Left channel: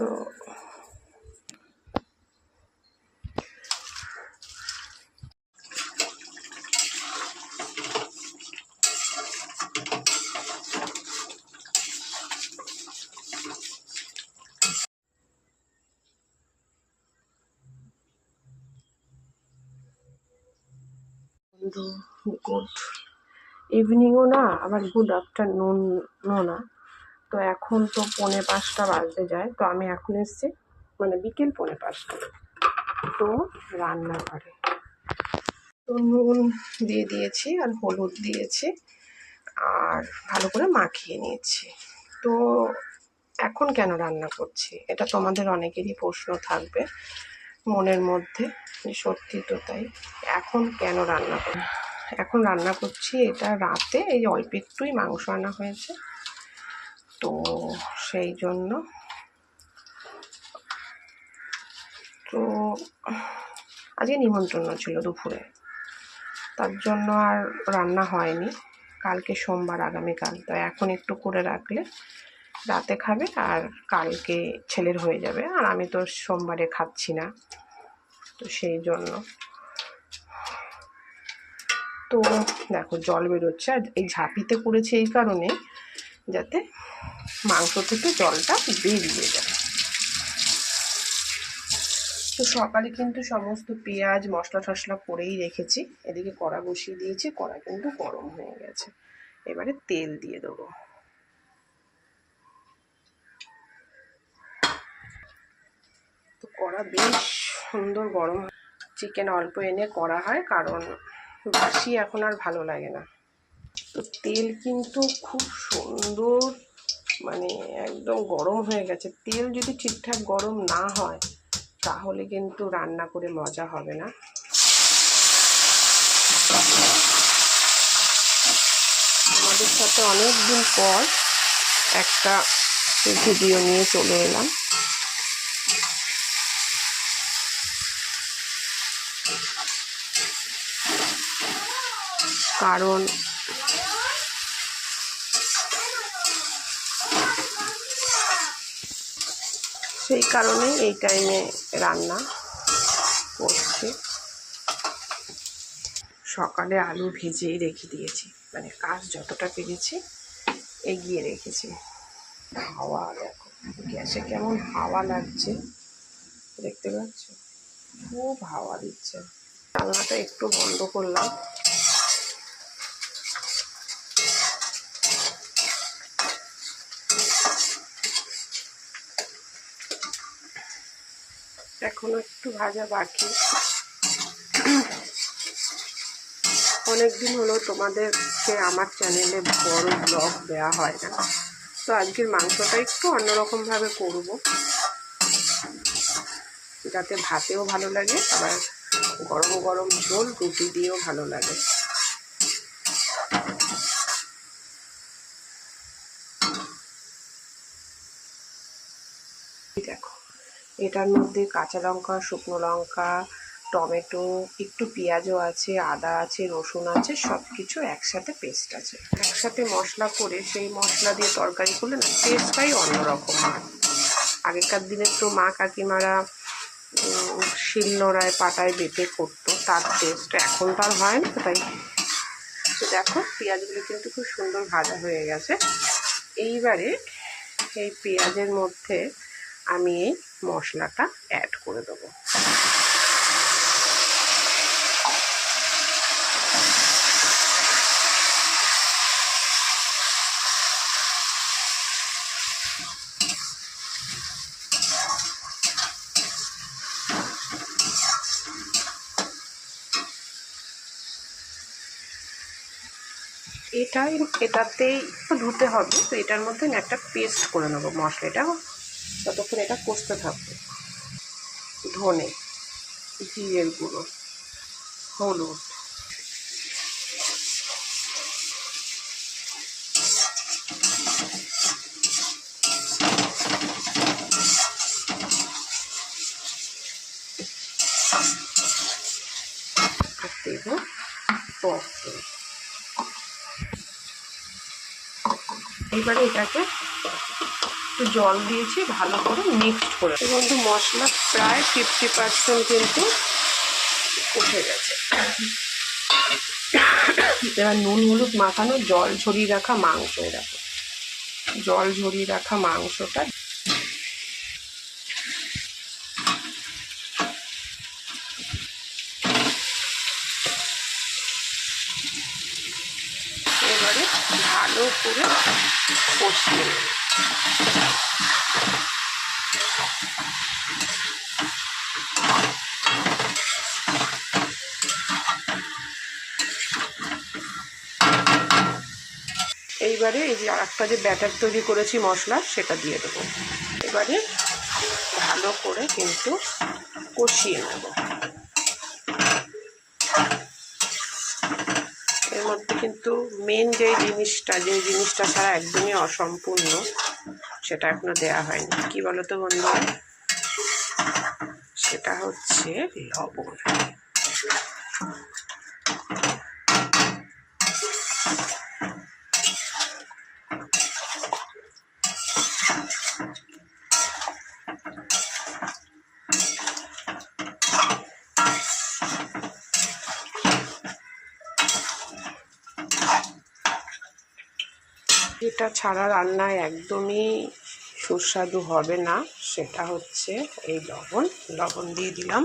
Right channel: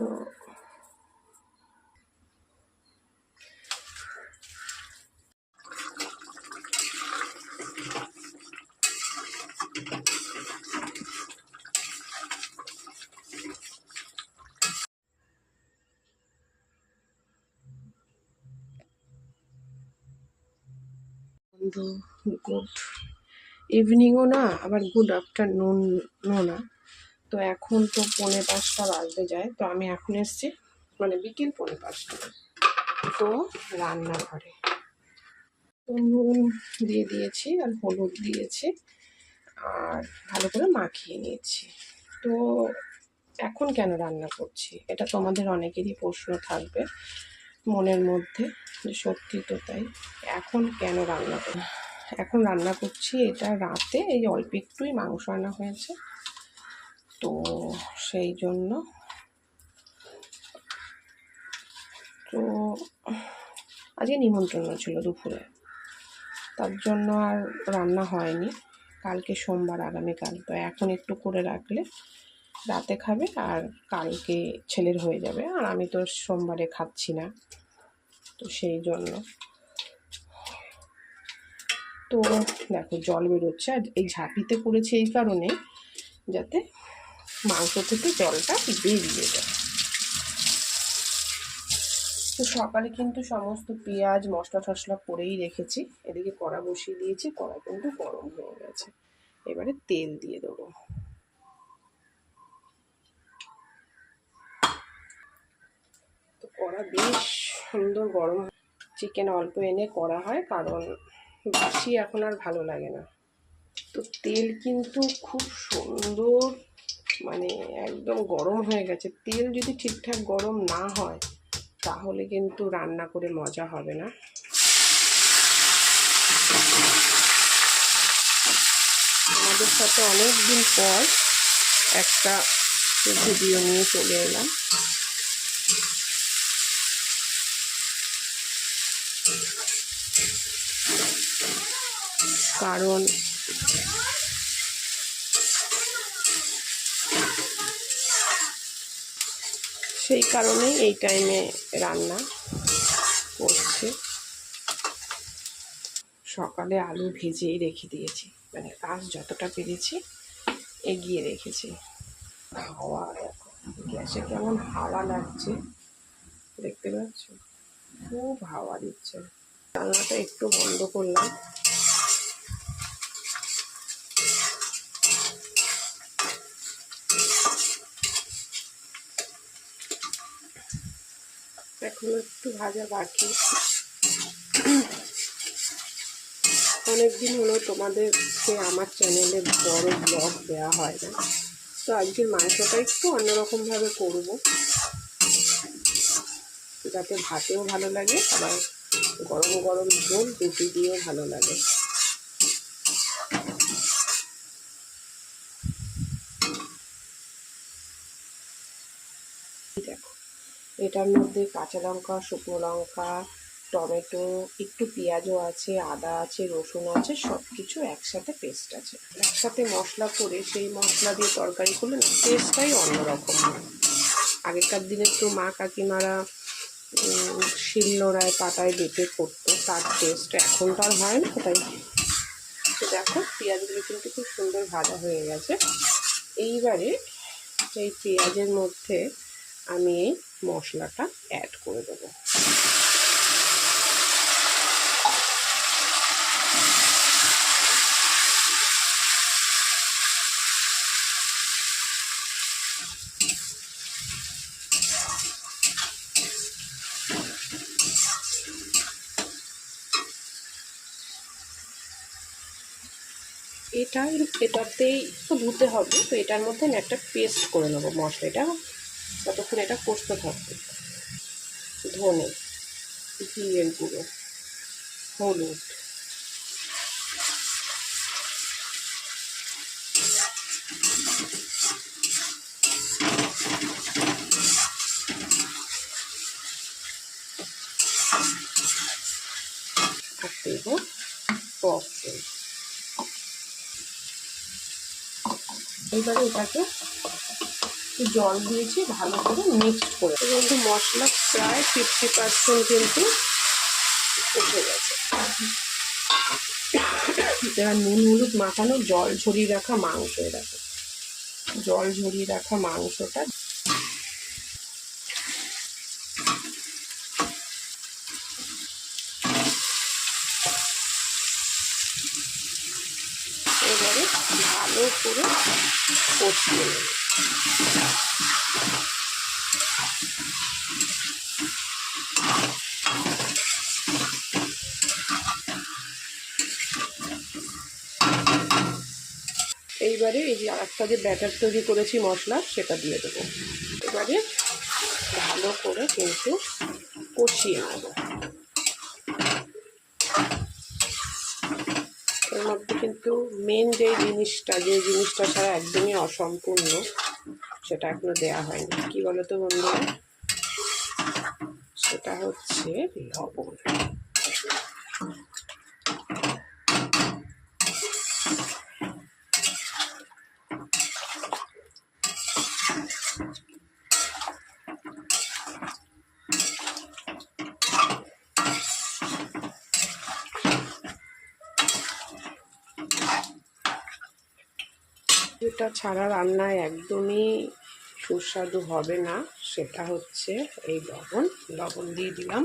তো গুড ইভিনিংও না, আবার গুড আফটারনুনও না। তো এখন তো 4:45 বাজতে যায়। তো আমি এখন এসেছি মানে বিকেল 4:45। তো রান্নাঘরে তো নুন দিয়ে দিয়েছি আর হলুদ দিয়েছি আর ভালো করে মাখিয়ে নিয়েছি। তো এখন কেন রান্না করছি, এটা তোমাদের অনেকেরই প্রশ্ন থাকবে মনের মধ্যে, সত্যি তো তাই। এখন কেন রান্না করি, এখন রান্না করছি এটা রাতে এই অল্প একটুই মাংস আনা হয়েছে, তো সেই জন্য। তো আজকে নিমন্ত্রণ ছিল দুপুরে, তার জন্য আর রান্না হয়নি। কালকে সোমবার, আগামীকাল, তো এখন একটু করে রাখলে রাতে খাবে আর কালকে ছেলের হয়ে যাবে। আর আমি তো সোমবারে খাচ্ছি না, তো সেই জন্য। তো দেখো জল বেরোচ্ছে, আর এই ঝাঁপিতে করেছি এই কারণে যাতে মাংস থেকে জলটা বেরিয়ে যায়। তো সকালে কিন্তু সমস্ত পেঁয়াজ মশলা টশলা করেই রেখেছি। এদিকে কড়া বসিয়ে দিয়েছি, কড়া কিন্তু গরম হয়ে গেছে। এবারে তেল দিয়ে দেবো। তো কড়া বেশ সুন্দর গরম। চিকেন অল্প এনে করা হয়, কারণ বাসি এখন আর ভালো লাগে না। তো তেল কিন্তু খুব সুন্দর মানে একদম গরম হয়ে গেছে। তেল যদি ঠিকঠাক গরম না হয় তাহলে কিন্তু রান্না করে মজা হবে না। আমাদের সাথে অনেক দিন পর একটা ভিডিও নিয়ে চলে এলাম। কারণ সেই কারণেই এই টাইমে রান্না করছি। সকালে আলু ভেজেই রেখে দিয়েছি, মানে কাজ যতটা পেরেছি এগিয়ে রেখেছি। হাওয়া দেখো, গ্যাসে কেমন হাওয়া লাগছে দেখতে পাচ্ছ, খুব হাওয়া দিচ্ছে। জানলাটা একটু বন্ধ করলাম। এখনো একটু ভাজা বাকি। অনেকদিন হলো তোমাদেরকে আমার চ্যানেলে বড় ব্লগ দেওয়া হয় না, তো আজকের মাংসটা একটু অন্যরকমভাবে করব, যাতে ভাতেও ভালো লাগে, আবার গরম গরম ঝোল রুটি দিয়েও ভালো লাগে। দেখো এটার মধ্যে কাঁচা লঙ্কা, শুকনো লঙ্কা, টমেটো, একটু পেঁয়াজও আছে, আদা আছে, রসুন আছে, সব কিছু একসাথে পেস্ট আছে। একসাথে মশলা করে সেই মশলা দিয়ে তরকারি করলে না টেস্টটাই অন্যরকম হয়। আগেকার দিনে তো মা কাকিমারা শিলনোড়ায় পাটায় বেটে করতো, তার টেস্ট এখন তো আর হয় না। তাই দেখো পেঁয়াজগুলো কিন্তু খুব সুন্দর ভাজা হয়ে গেছে। এইবারে এই পেঁয়াজের মধ্যে আমি এই মশলাটা অ্যাড করে দেবো। এটাতেই ধুতে হবে, তো এটার মধ্যে আমি একটা পেস্ট করে নেবো মশলাটা, ততক্ষণ এটা কষতে থাকবে। ধনে, জিরের গুঁড়ো, হলুদ, আর দেব টক দই। এবারে এটাকে একটু জল দিয়েছি, ভালো করে মিক্সড করে। কিন্তু মশলা প্রায় 50% কিন্তু কষে গেছে। এবার নুন হলুদ মাখানো জল ঝরিয়ে রাখা মাংস, এরকম জল ঝরিয়ে রাখা মাংসটা এবারে ভালো করে কষিয়ে নেব। এইবারে এই যে আরেকটা যে ব্যাটার তৈরি করেছি মশলা, সেটা দিয়ে দেবো। এবারে ভালো করে কিন্তু কষিয়ে নেব। এর মধ্যে কিন্তু মেন যে জিনিসটা ছাড়া একদমই অসম্পূর্ণ, সেটা এখনো দেয়া হয়নি। কি বলো তো বন্ধুরা? সেটা হচ্ছে লবণ। এটা ছাড়া রান্নায় একদমই সুস্বাদু হবে না, সেটা হচ্ছে এই লবণ দিয়ে দিলাম।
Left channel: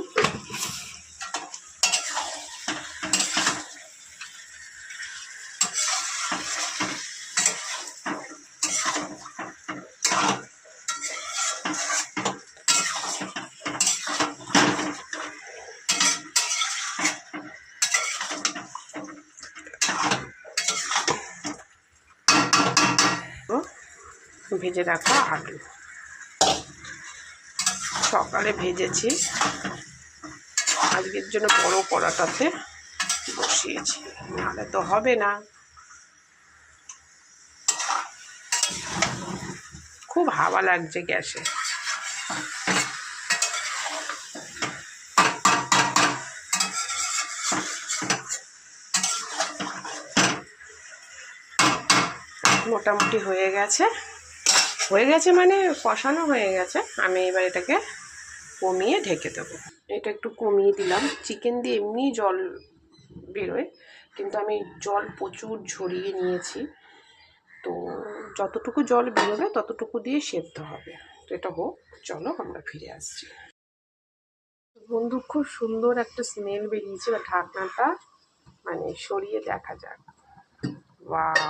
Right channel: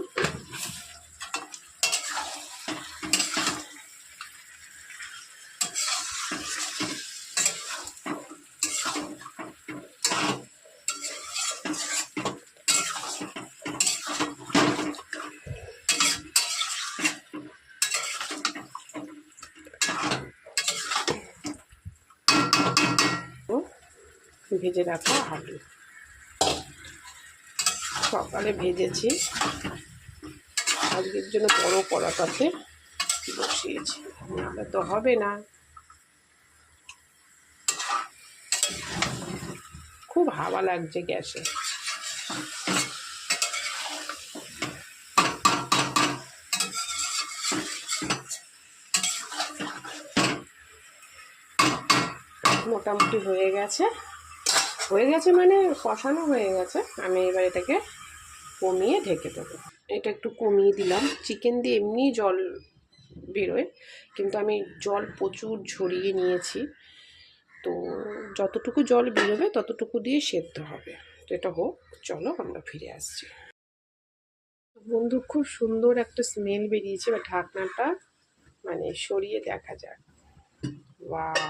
ভেজে রাখা আলু সকালে ভেজেছি, আজকের জন্য বড় কড়াটাতে বসিয়েছি, নাহলে তো হবে না। খুব হাওয়া লাগছে গ্যাসে। মোটামুটি হয়ে গেছে মানে কষানো হয়ে গেছে। আমি এবার এটাকে কমিয়ে ঢেকে দেবো। এটা একটু কমিয়ে দিলাম। চিকেন দিয়ে এমনি জল বেরোয়, কিন্তু আমি জল প্রচুর ঝরিয়ে নিয়েছি, তো যতটুকু জল বেরোবে ততটুকু দিয়ে সেদ্ধ হবে। তো এটা হোক, চলো আমরা ফিরে আসছি। বন্ধু, খুব সুন্দর একটা স্মেল বেরিয়েছে। বা ঢাকনাটা মানে সরিয়ে দেখা যাক। ওয়াও,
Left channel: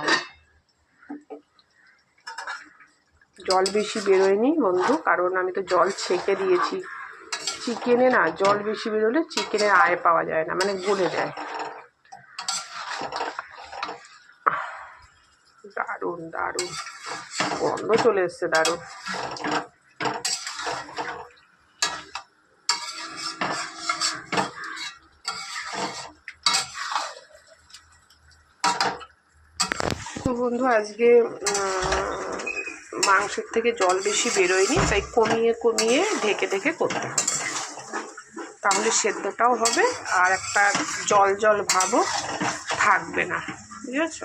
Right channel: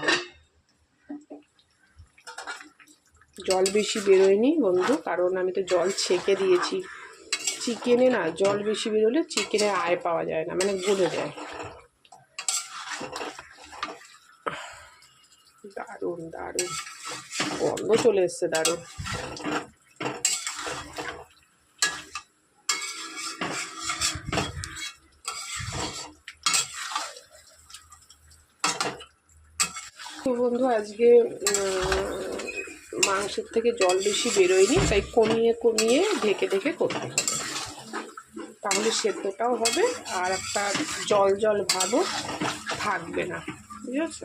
জল বেশি বেরোয়নি বন্ধু, কারণ আমি তো জল ছেঁকে দিয়েছি। চিকেনে না জল বেশি বেরোলে চিকেনে আয় পাওয়া যায় না, মানে গলে যায়। দারুণ দারুণ গন্ধ চলে এসছে, দারুণ। তো বন্ধু, আজকে মাংসের থেকে জল বেশি বেরোয়নি, তাই কমিয়ে কমিয়ে ঢেকে ঢেকে করতে হবে, তাহলে সেদ্ধটাও হবে আর একটা জল জল ভাবও থাকবে না, বুঝেছ?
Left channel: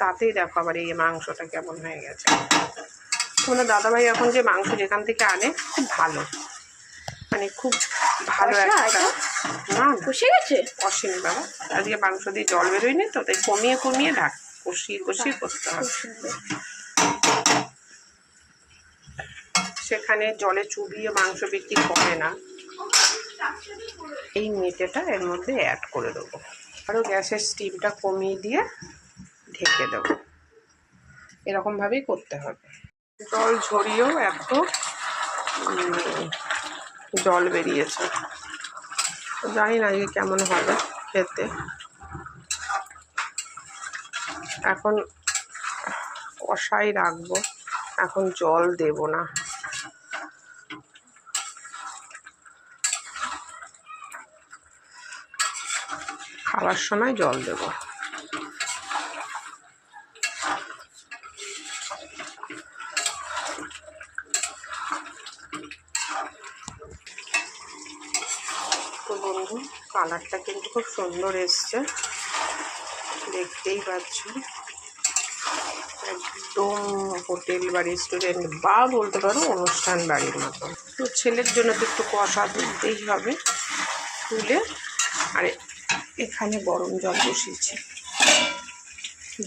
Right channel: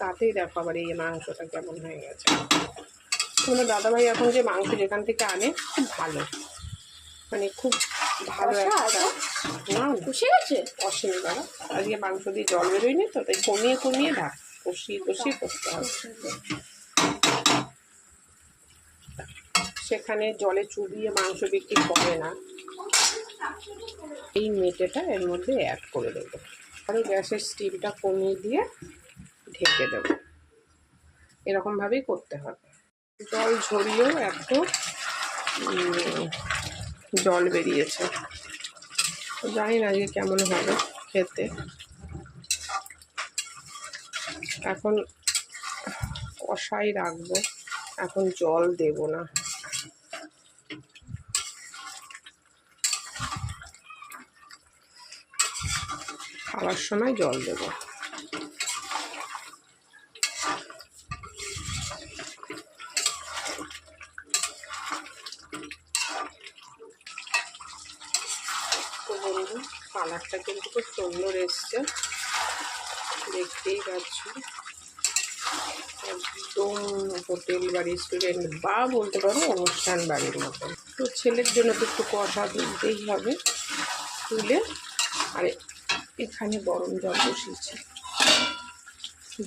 তাতেই দেখো আবার এই মাংসটা কেমন হয়ে গেছে। তোমাদের দাদাভাই এখন যে মাংস যেখান থেকে আনে খুব ভালো, মানে খুব ভালো একটা। না কষে গেছে, কষেনি বাবা, আজকে মাংস দিয়ে জল বেরোয়নি তো, তাই কমিয়ে কমিয়ে কষিয়ে কষিয়ে করতে হবে। সেখানে জলে চুবিয়ে মাংস বিক্রি করে না। এই মেটেটা এর মধ্যে অ্যাড করে দেবো, আরও গ্যাসের স্টিমটা কমিয়ে দিয়ে ঢেকে দেবো। এরকমভাবেই করতে হবে। জল ঝরিয়েও এত জল বেরিয়েছে, জানি না যে কেমন হবে খেতে। এখন কষাই রাখবো, এখন জল দেব না। খাওয়ার সময় জল দেব। তো বন্ধু, কালারটা কিন্তু খুব সুন্দর এসছে, দেখতেই পাচ্ছ একদম হোটেল বা রেস্টুরেন্ট বা বলতে পারো অনুষ্ঠান বাড়ির মতো। তো ছেলের জন্য তো একটু কষা তুলতেই হবে, তুলে আর এখানে গরম জল বসিয়েছি।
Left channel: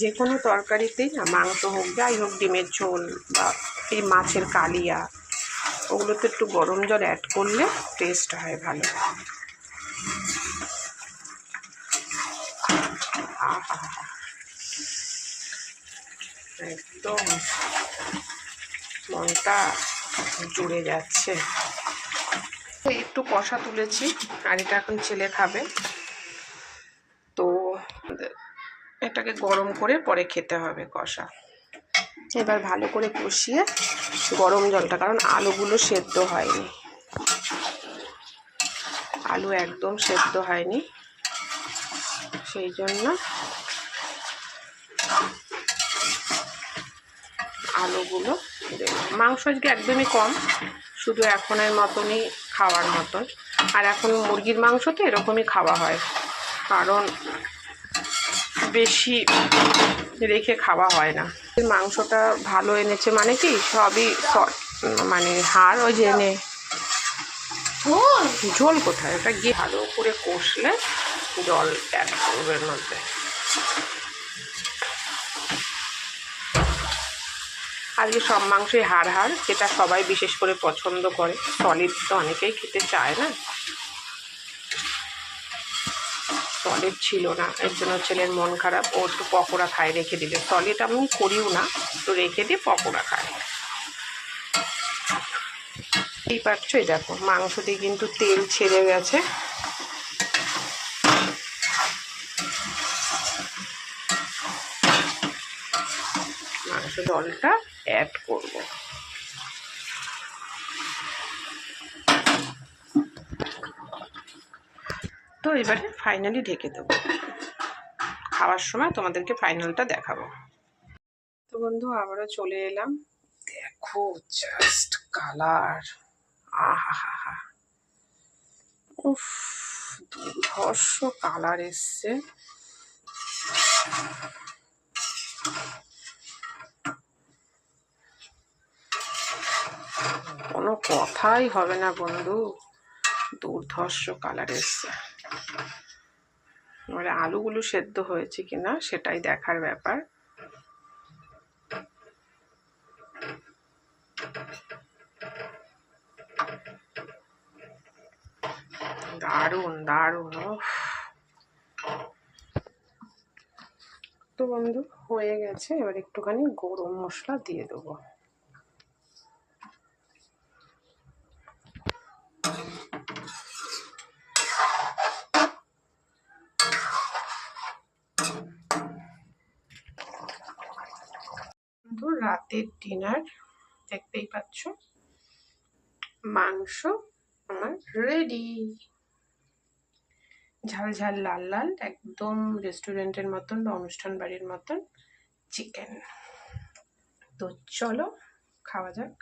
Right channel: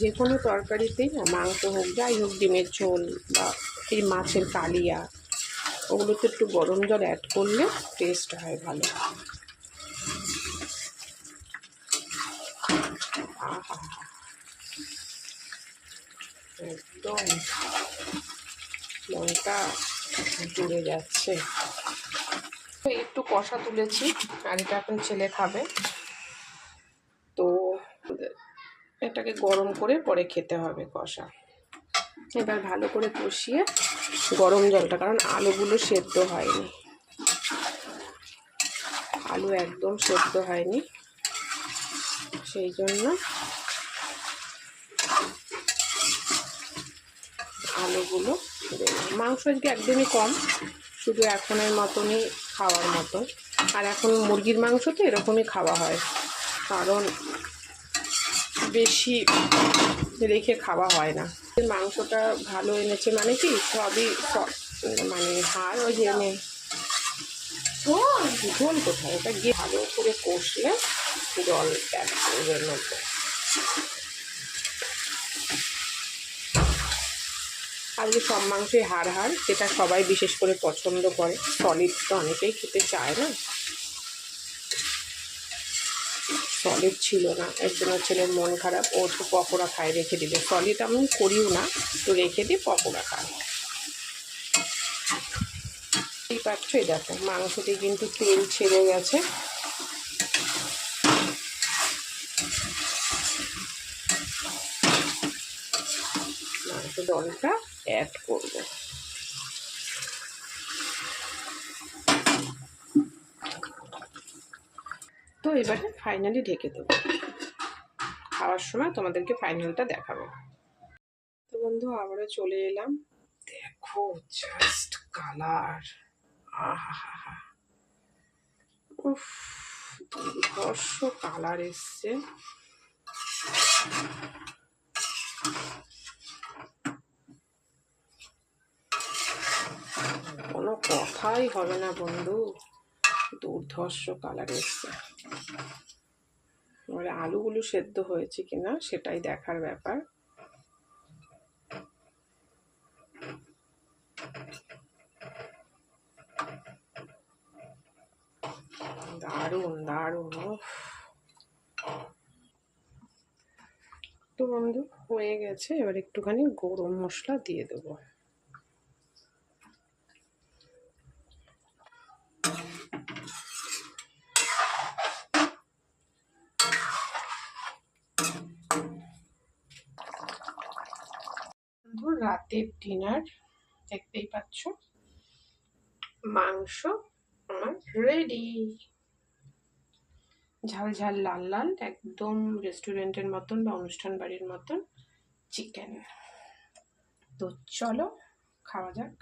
যে কোনো তরকারিতেই না, মাংস হোক যাই হোক, ডিমের ঝোল বা এই মাছের কালিয়া, ওগুলোতে একটু গরম জল অ্যাড করলে টেস্ট হয় ভালো। আহা, একদম মনটা জুড়ে যাচ্ছে। একটু কষা তুলেছি আর এটা এখন ছেলে খাবে, তো এটাকে গরম করে পরে খেতে হবে কষা। এবার ভালো করে কষিয়ে গরম জলটা, কারণ আলুগুলো সেদ্ধ হয়নি, আলু একদম সেদ্ধ হয়নি, সেই জন্য আলুগুলো দেব। মাংস আজকে একদমই কম, শুধু এখনের মতনই খাওয়ার মতন। আর এখন মুরগির মাংস তো এরকমই খাওয়া হয়, কারণ বেশি রেখে খাওয়া হয় না। মাংসটা ভালো এনেছে মানে কি, সবই মানে হাড় ওই যে এনে ঝোল কোথায়, ওটা গিয়ে ভালো করে কষলে জল অ্যাড করবে এর মধ্যে। আজকে সব মাংসই হাড়, যেটা সবাই বিশেষ করে পছন্দ করে। সলিড তো অনেকেই খেতে চায় না, সলিড ছিল না, এর জন্য ছেলের মন খারাপ। ও একটু পকোড়া খায় রেখে দিলে, সলিড আমি করিও না, তো রেখে দিয়ে পকোড়া খায়। এই পাচ্ছ, এই দেখো মাংস দিয়ে কিন্তু তেল ছেড়ে গেছে। মাংস জলটা অ্যাড করব। তো এবারে ফাইনালি ঢেকে দেবো, খাওয়ার সময় তোমাদেরকে ফাইনালটা দেখাবো। তো বন্ধু আবারও চলে এলাম, দেখো জাস্ট কালার, আহা হা হা, উফ দুর্ধর্ষ কালার এসছে। কোনো কথাই হবে না বন্ধু, দুর্ধর্ষ কালার এসছে। এবারে আলুগুলো সেদ্ধ হয়েছে কিনা সেটাই দেখার ব্যাপার। দারুণ দারুণ। তো বন্ধু হয়ে গেছে, এবার একটুখানি গরম মশলা দিয়ে দেবো। বন্ধু রাতের ডিনার দেখতেই পাচ্ছ, মাংস আমার রেডি, ঝাল ঝাল লাল লাল, একদম রেস্টুরেন্টের মতন বা অনুষ্ঠান বাড়ির মতন চিকেন। তো চলো খাওয়া যাক।